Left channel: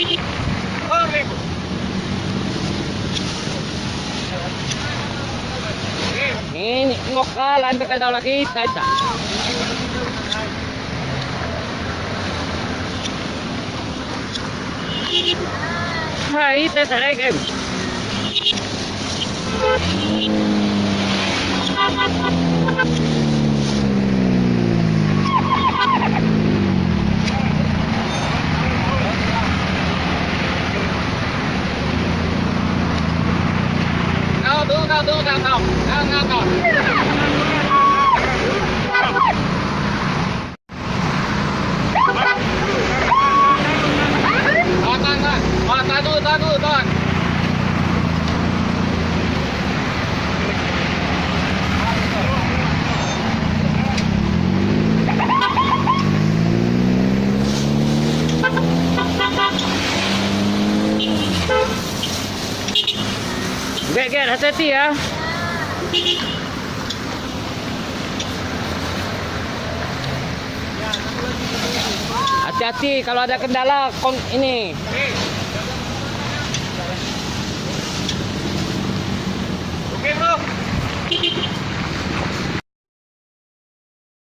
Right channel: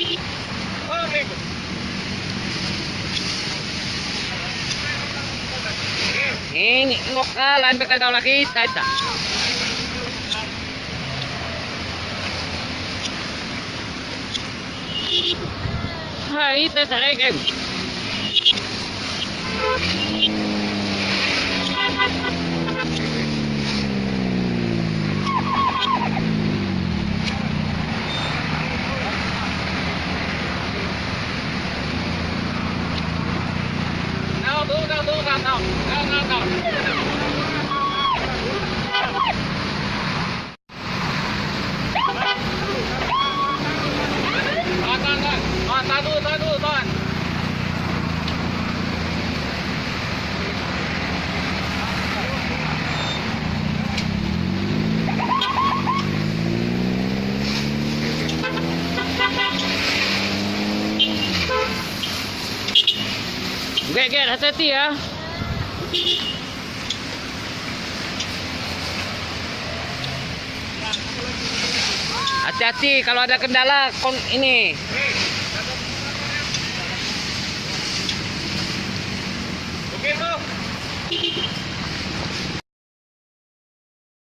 Oke, Bu. Ini lokal sampai tahu lagi kita. Hai, pesare kan. Tuan. Gek, hati-hati ya. Hati-hati kalau ada kendala ini. Oke, Bro.